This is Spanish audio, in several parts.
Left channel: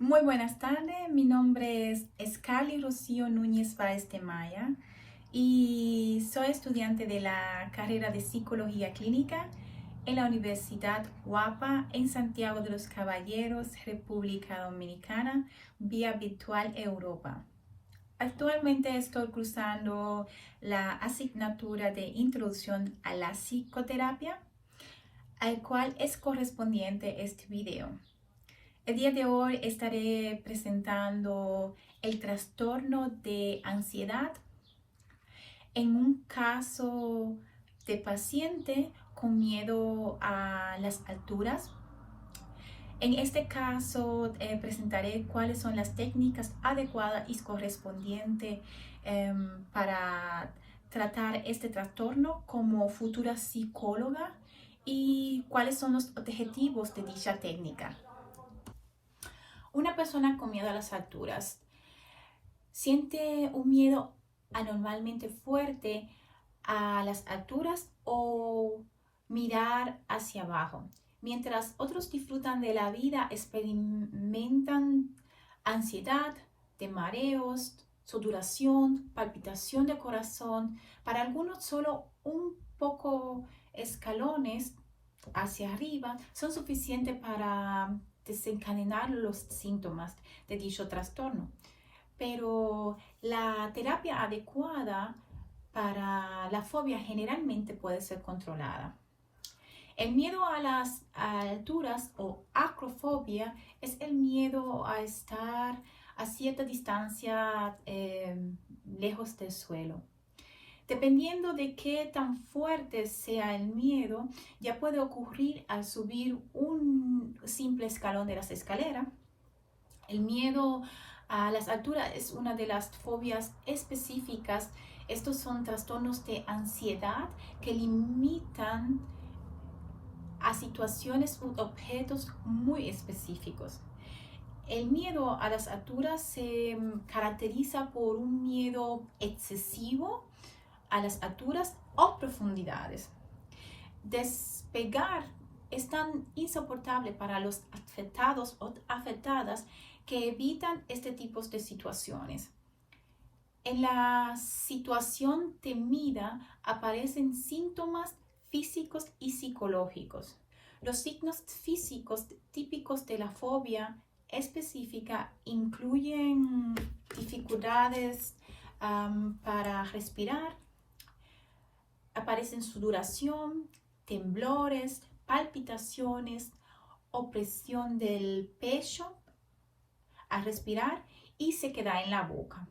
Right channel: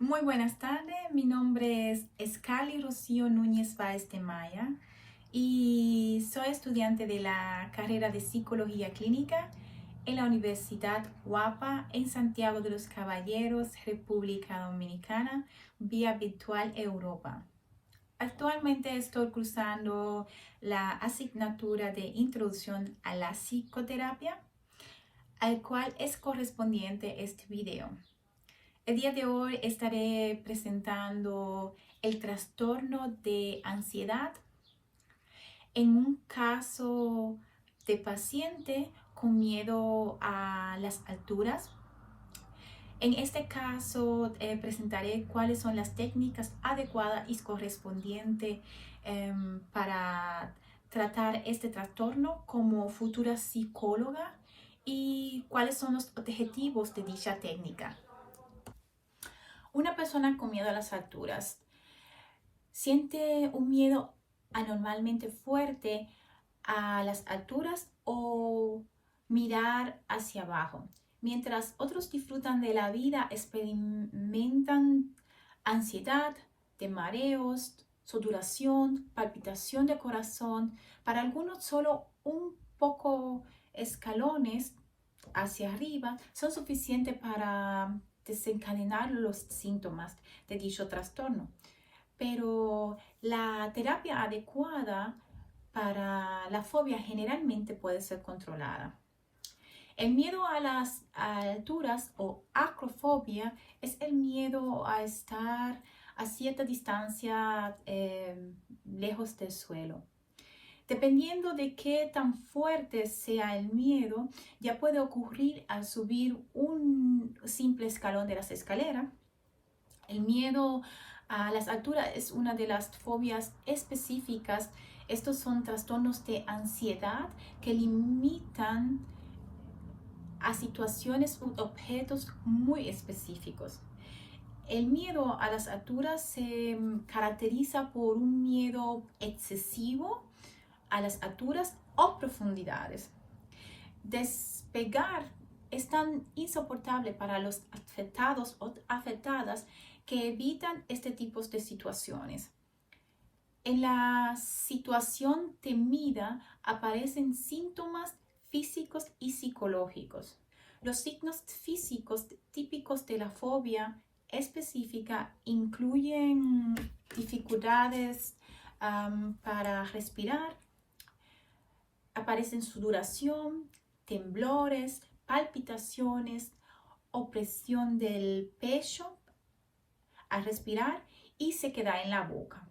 Muy buenas tardes, mi nombre es Escali Rocío Núñez Báez de Maya y soy estudiante de la carrera de Psicología Clínica en la Universidad UAPA en Santiago de los Caballeros, República Dominicana, vía virtual Europa. Actualmente estoy cursando la asignatura de Introducción a la Psicoterapia, al cual es correspondiente este video. El día de hoy estaré presentando el trastorno de ansiedad en un caso de paciente con miedo a las alturas. En este caso presentaré cuáles son las técnicas adecuadas y correspondientes para tratar este trastorno como futura psicóloga y cuáles son los objetivos de dicha técnica. Una persona con miedo a las alturas siente un miedo anormalmente fuerte a las alturas o mirar hacia abajo. Mientras otros disfrutan de la vida, experimentan ansiedad, de mareos, sudoración, palpitación de corazón. Para algunos solo un poco escalones hacia arriba son suficientes para desencadenar los síntomas de dicho trastorno. Pero la terapia adecuada para la fobia generalmente puede ser controlada. El miedo a las alturas o acrofobia es el miedo a estar a cierta distancia lejos del suelo. Dependiendo de qué tan fuerte sea el miedo, ya puede ocurrir al subir un simple escalón de las escaleras. El miedo a las alturas es una de las fobias específicas. Estos son trastornos de ansiedad que limitan a situaciones u objetos muy específicos. El miedo a las alturas se caracteriza por un miedo excesivo a las alturas o profundidades. Despegar es tan insoportable para los afectados o afectadas que evitan este tipo de situaciones. En la situación temida aparecen síntomas físicos y psicológicos. Los signos físicos típicos de la fobia específica incluyen dificultades para respirar, aparecen sudoración, temblores, palpitaciones, opresión del pecho al respirar y sequedad en la boca.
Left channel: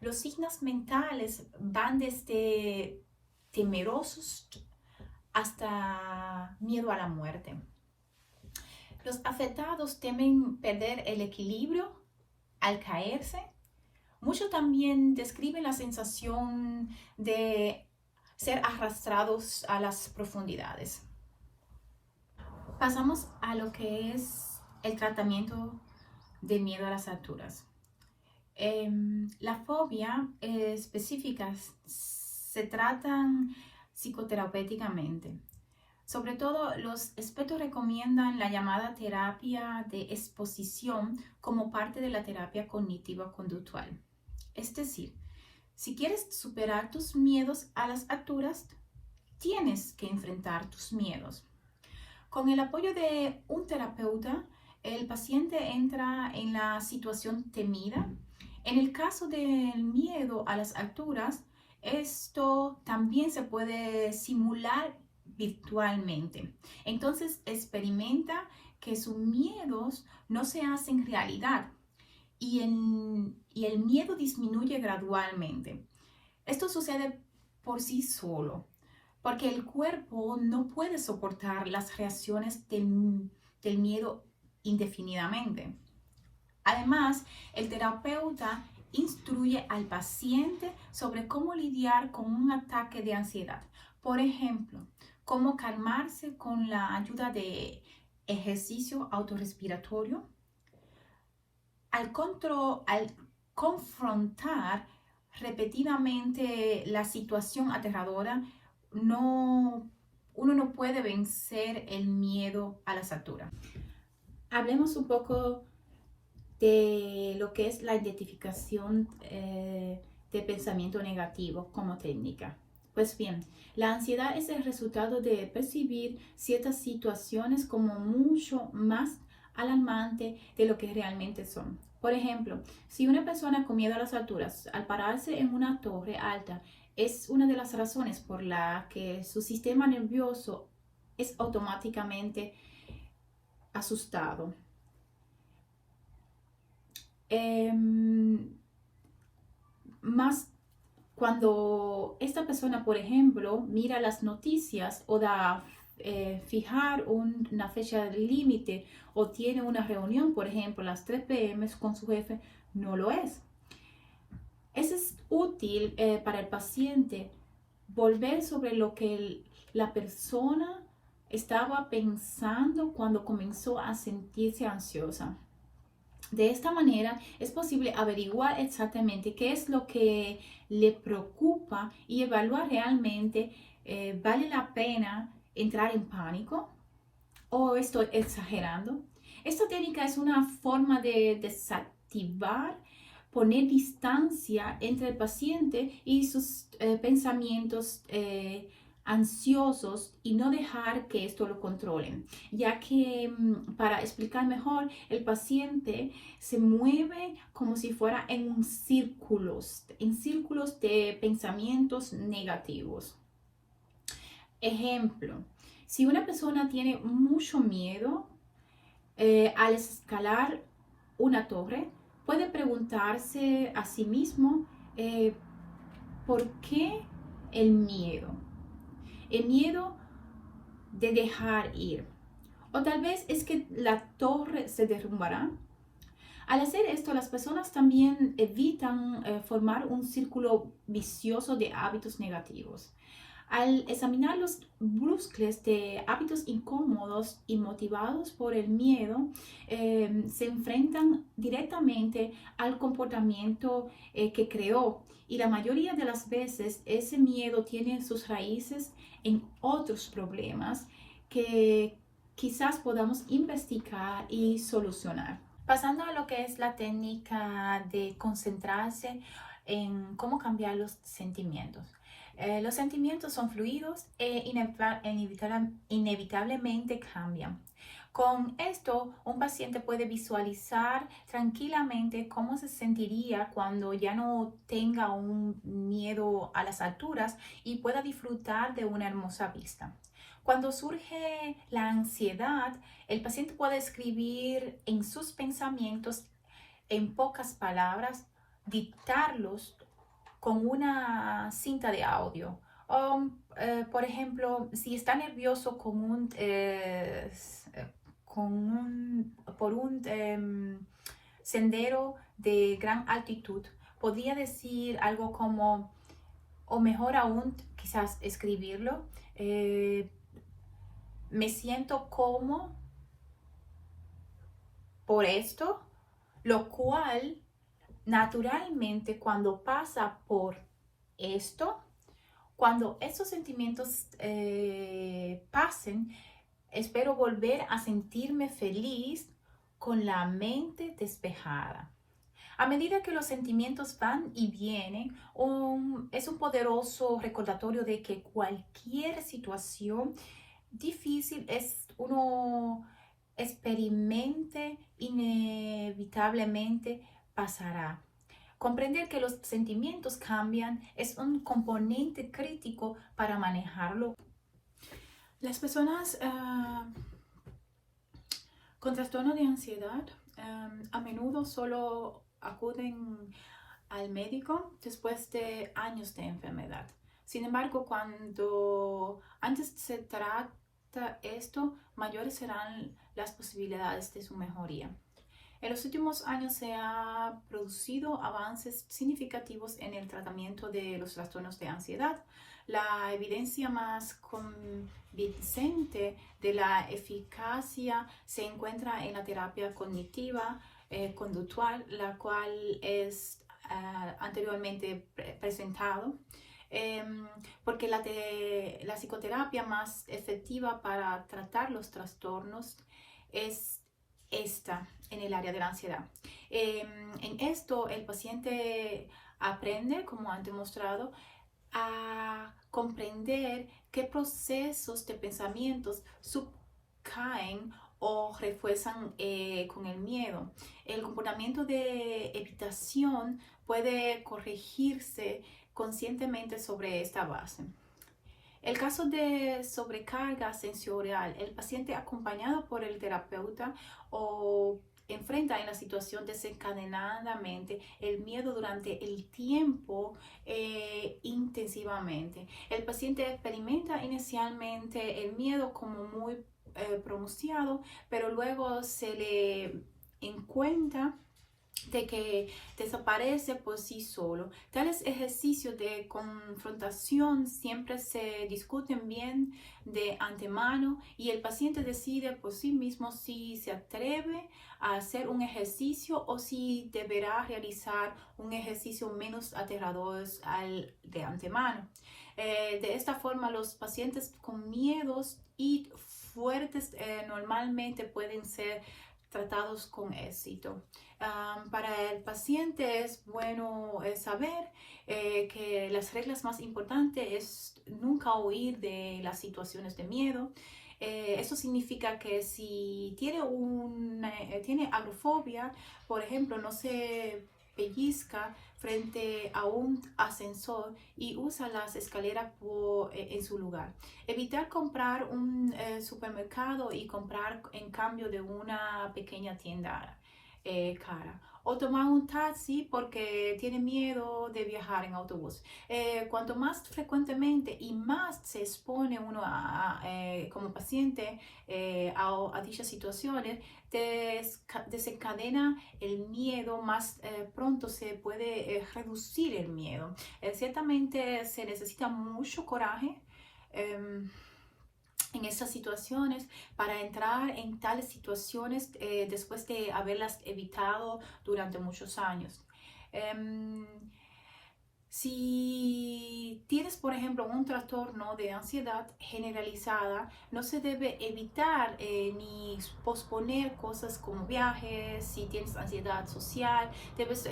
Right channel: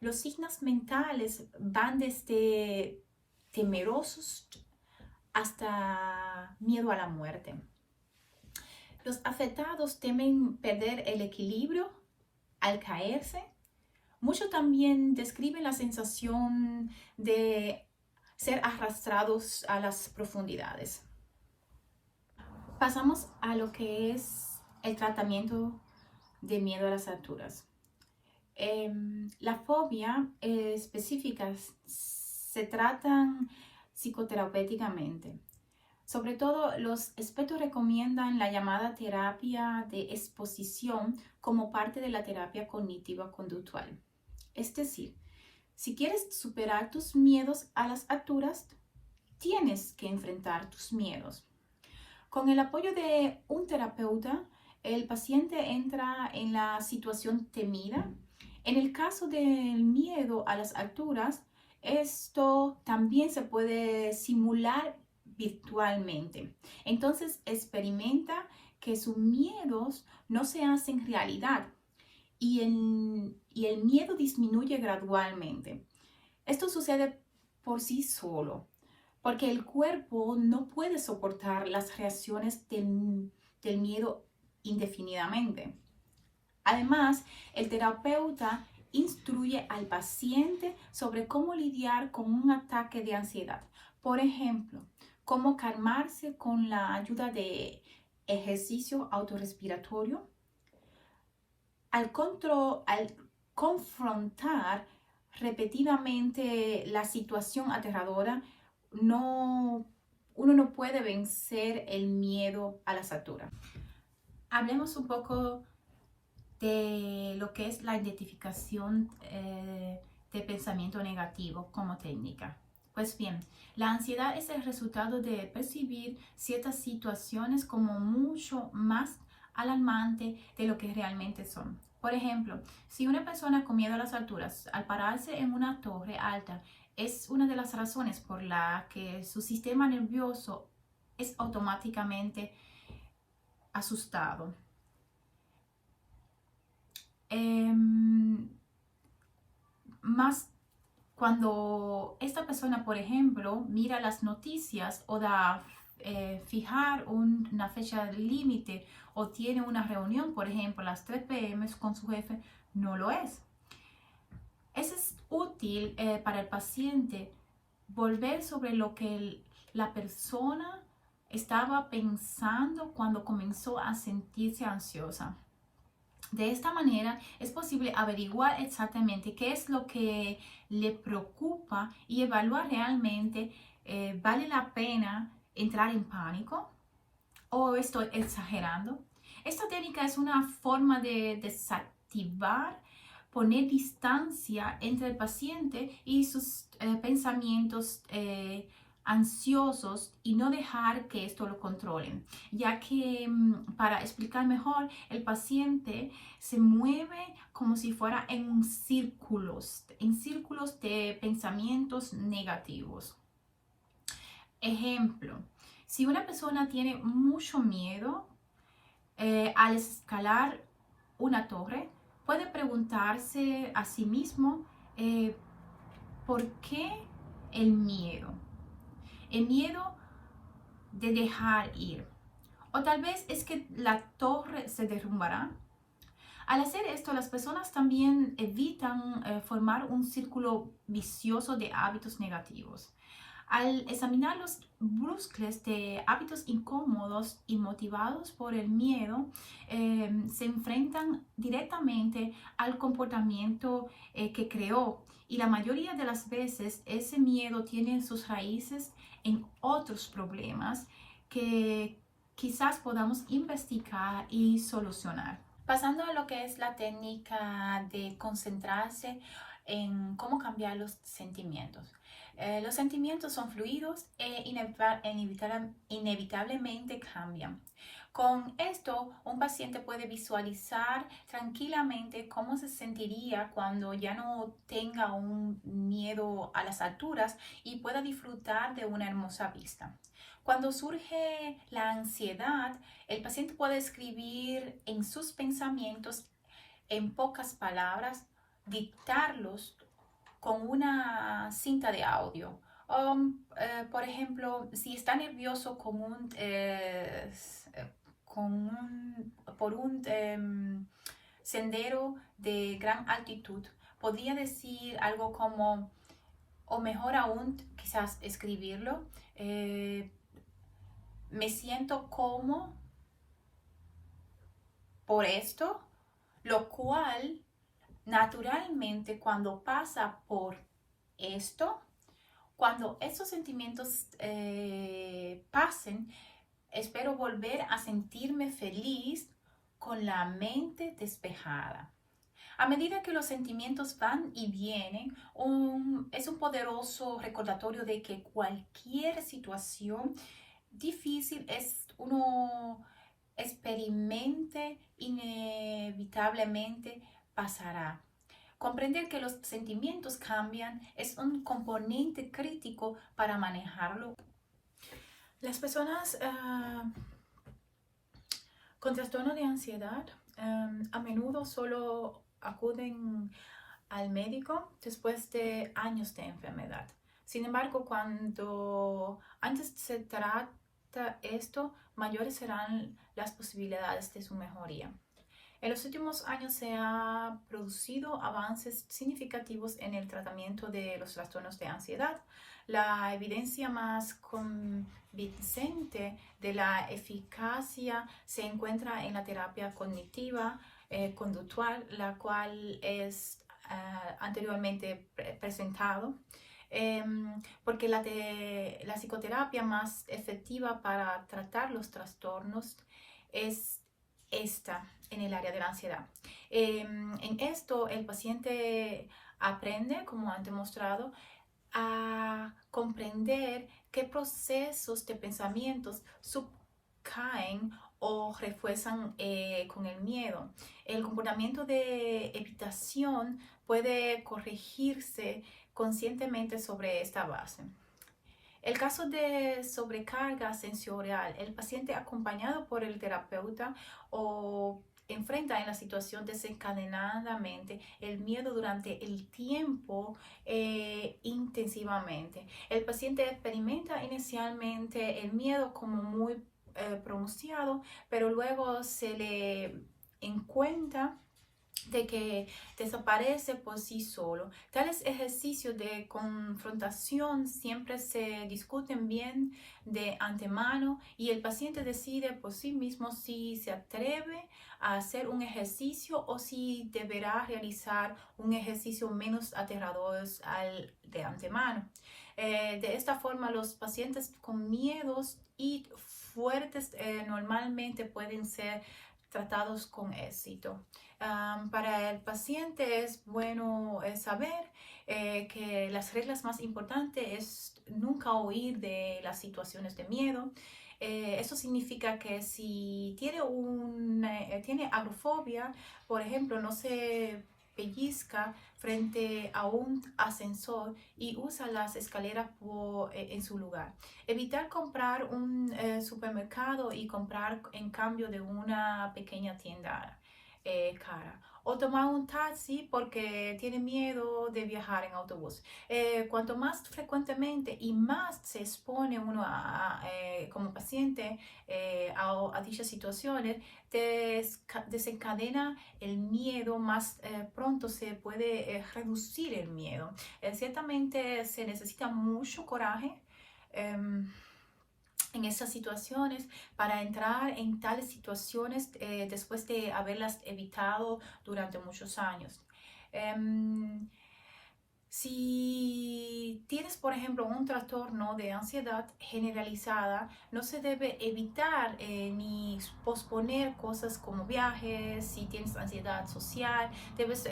Los signos mentales van desde temerosos hasta miedo a la muerte. Los afectados temen perder el equilibrio al caerse. Muchos también describen la sensación de ser arrastrados a las profundidades. Pasamos a lo que es el tratamiento de miedo a las alturas. La fobia específica se tratan psicoterapéuticamente. Sobre todo, los expertos recomiendan la llamada terapia de exposición como parte de la terapia cognitiva-conductual. Es decir, si quieres superar tus miedos a las alturas, tienes que enfrentar tus miedos. Con el apoyo de un terapeuta, el paciente entra en la situación temida. En el caso del miedo a las alturas, esto también se puede simular virtualmente. Entonces experimenta que sus miedos no se hacen realidad y el miedo disminuye gradualmente. Esto sucede por sí solo, porque el cuerpo no puede soportar las reacciones del miedo indefinidamente. Además, el terapeuta instruye al paciente sobre cómo lidiar con un ataque de ansiedad. Por ejemplo, cómo calmarse con la ayuda de ejercicio autorrespiratorio. Al confrontar repetidamente la situación aterradora, uno no puede vencer el miedo a las alturas. Hablemos un poco de lo que es la identificación de pensamiento negativo como técnica. Pues bien, la ansiedad es el resultado de percibir ciertas situaciones como mucho más alarmante de lo que realmente son. Por ejemplo, si una persona con miedo a las alturas, al pararse en una torre alta, es una de las razones por la que su sistema nervioso es automáticamente asustado. Más cuando esta persona, por ejemplo, mira las noticias o da fijar una fecha límite o tiene una reunión, por ejemplo, a las 3 p.m. con su jefe, no lo es. Eso es útil para el paciente volver sobre lo que la persona estaba pensando cuando comenzó a sentirse ansiosa. De esta manera es posible averiguar exactamente qué es lo que le preocupa y evaluar realmente vale la pena entrar en pánico o estoy exagerando. Esta técnica es una forma de desactivar, poner distancia entre el paciente y sus pensamientos ansiosos y no dejar que esto lo controlen, ya que para explicar mejor, el paciente se mueve como si fuera en círculos de pensamientos negativos. Ejemplo, si una persona tiene mucho miedo al escalar una torre, puede preguntarse a sí mismo ¿por qué el miedo? El miedo de dejar ir. O tal vez es que la torre se derrumbará. Al hacer esto, las personas también evitan formar un círculo vicioso de hábitos negativos. Al examinar los bucles de hábitos incómodos y motivados por el miedo, se enfrentan directamente al comportamiento que creó. Y la mayoría de las veces ese miedo tiene sus raíces en otros problemas que quizás podamos investigar y solucionar. Pasando a lo que es la técnica de concentrarse en cómo cambiar los sentimientos. Los sentimientos son fluidos e inevitablemente cambian. Con esto, un paciente puede visualizar tranquilamente cómo se sentiría cuando ya no tenga un miedo a las alturas y pueda disfrutar de una hermosa vista. Cuando surge la ansiedad, el paciente puede escribir en sus pensamientos en pocas palabras, dictarlos con una cinta de audio. Por ejemplo, si está nervioso por un sendero de gran altitud, podría decir algo como, o mejor aún, quizás escribirlo, me siento como por esto, lo cual naturalmente cuando pasa por esto, cuando estos sentimientos pasen, espero volver a sentirme feliz con la mente despejada. A medida que los sentimientos van y vienen, es un poderoso recordatorio de que cualquier situación difícil uno experimente inevitablemente pasará. Comprender que los sentimientos cambian es un componente crítico para manejarlo. Las personas con trastorno de ansiedad a menudo solo acuden al médico después de años de enfermedad. Sin embargo, cuando antes se trata esto, mayores serán las posibilidades de su mejoría. En los últimos años se han producido avances significativos en el tratamiento de los trastornos de ansiedad. La evidencia más convincente de la eficacia se encuentra en la terapia cognitiva conductual, la cual es anteriormente presentado. Porque la psicoterapia más efectiva para tratar los trastornos es esta en el área de la ansiedad. En esto, el paciente aprende, como han demostrado, a comprender qué procesos de pensamientos subcaen o refuerzan con el miedo. El comportamiento de evitación puede corregirse conscientemente sobre esta base. El caso de sobrecarga sensorial, el paciente acompañado por el terapeuta o enfrenta en la situación desencadenadamente el miedo durante el tiempo intensivamente. El paciente experimenta inicialmente el miedo como muy pronunciado, pero luego se le encuentra de que desaparece por sí solo. Tales ejercicios de confrontación siempre se discuten bien de antemano y el paciente decide por sí mismo si se atreve a hacer un ejercicio o si deberá realizar un ejercicio menos aterrador de antemano. De esta forma, los pacientes con miedos y fuertes normalmente pueden ser tratados con éxito. Para el paciente es bueno saber que las reglas más importantes es nunca huir de las situaciones de miedo. Eso significa que si tiene agrofobia, por ejemplo, no se pellizca frente a un ascensor y usa las escaleras en su lugar. Evitar comprar un supermercado y comprar en cambio de una pequeña tienda cara. O tomar un taxi porque tiene miedo de viajar en autobús. Cuanto más frecuentemente y más se expone uno como paciente a dichas situaciones, desencadena el miedo, más pronto se puede reducir el miedo. Ciertamente se necesita mucho coraje en estas situaciones para entrar en tales situaciones después de haberlas evitado durante muchos años. Si tienes, por ejemplo, un trastorno de ansiedad generalizada, no se debe evitar ni posponer cosas como viajes. Si tienes ansiedad social, debes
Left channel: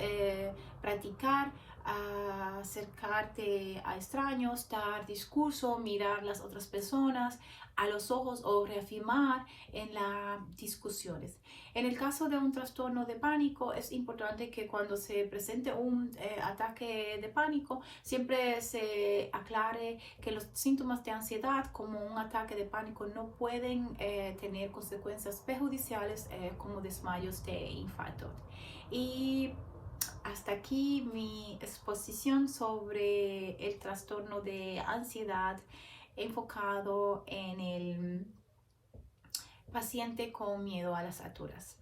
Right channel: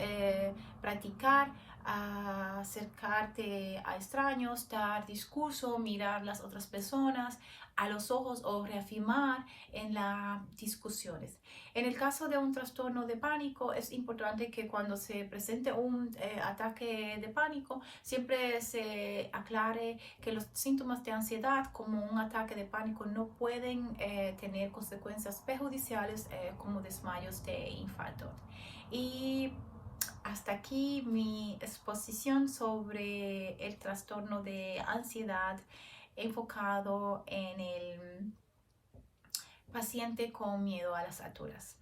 practicar acercarte a extraños, dar discurso, mirar las otras personas a los ojos o reafirmar en las discusiones. En el caso de un trastorno de pánico, es importante que cuando se presente un ataque de pánico, siempre se aclare que los síntomas de ansiedad como un ataque de pánico no pueden tener consecuencias perjudiciales como desmayos de infarto. Y hasta aquí mi exposición sobre el trastorno de ansiedad enfocado en el paciente con miedo a las alturas.